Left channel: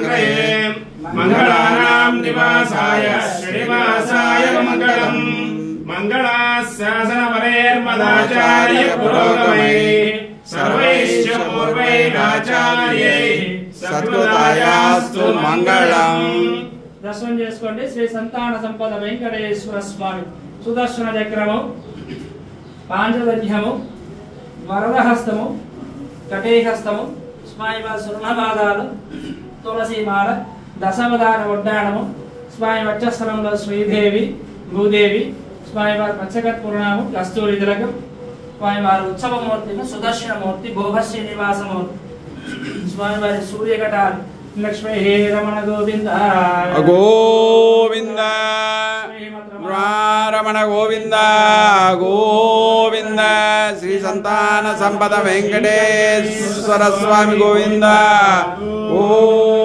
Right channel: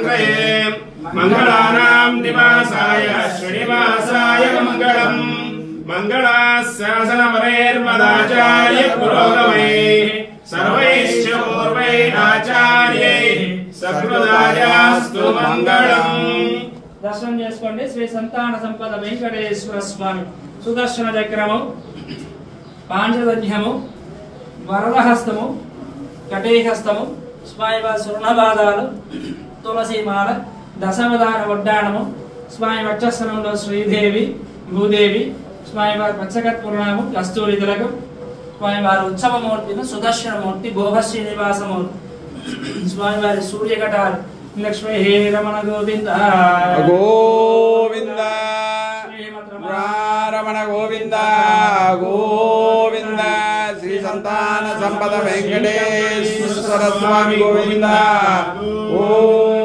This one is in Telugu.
मंगये मंगलानां निवासाय श्रीनिवासाय मंगलम् मंगलाशासनवरेर्मदाचार्य पुरोगमैः सर्वैश्च पूर्वैराचार्यैः सकृदायास्तु मंगलम्। दर्शन చేసుకోండి శ్రీ సంతాన సంపద వెంకటేశ్వర స్వామి సుదర్శన చక్రము పాంచజన్యము వరదహస్తము కటేహస్తము స్వామివారి స్వర్ణపాదాలు తులసీమాల దశవదాన వడ్డాణము స్వామి వక్షస్థలంలో శ్రీదేవి భూదేవి స్వామివారి పచ్చకత్పురాణము కస్తూరి తిలకం స్వామివారి ఉత్సవమూర్తిని సుదర్శనమూర్తి భోగ శ్రీనివాసమూర్తి స్వామివారి సూర్యకటాలు లక్ష్మీ రమణ గోవింద గోవింద రమణ గోవింద గోవింద శ్రీ సంతాన సంపద వెంకటేశ్వర స్వామి గోవింద।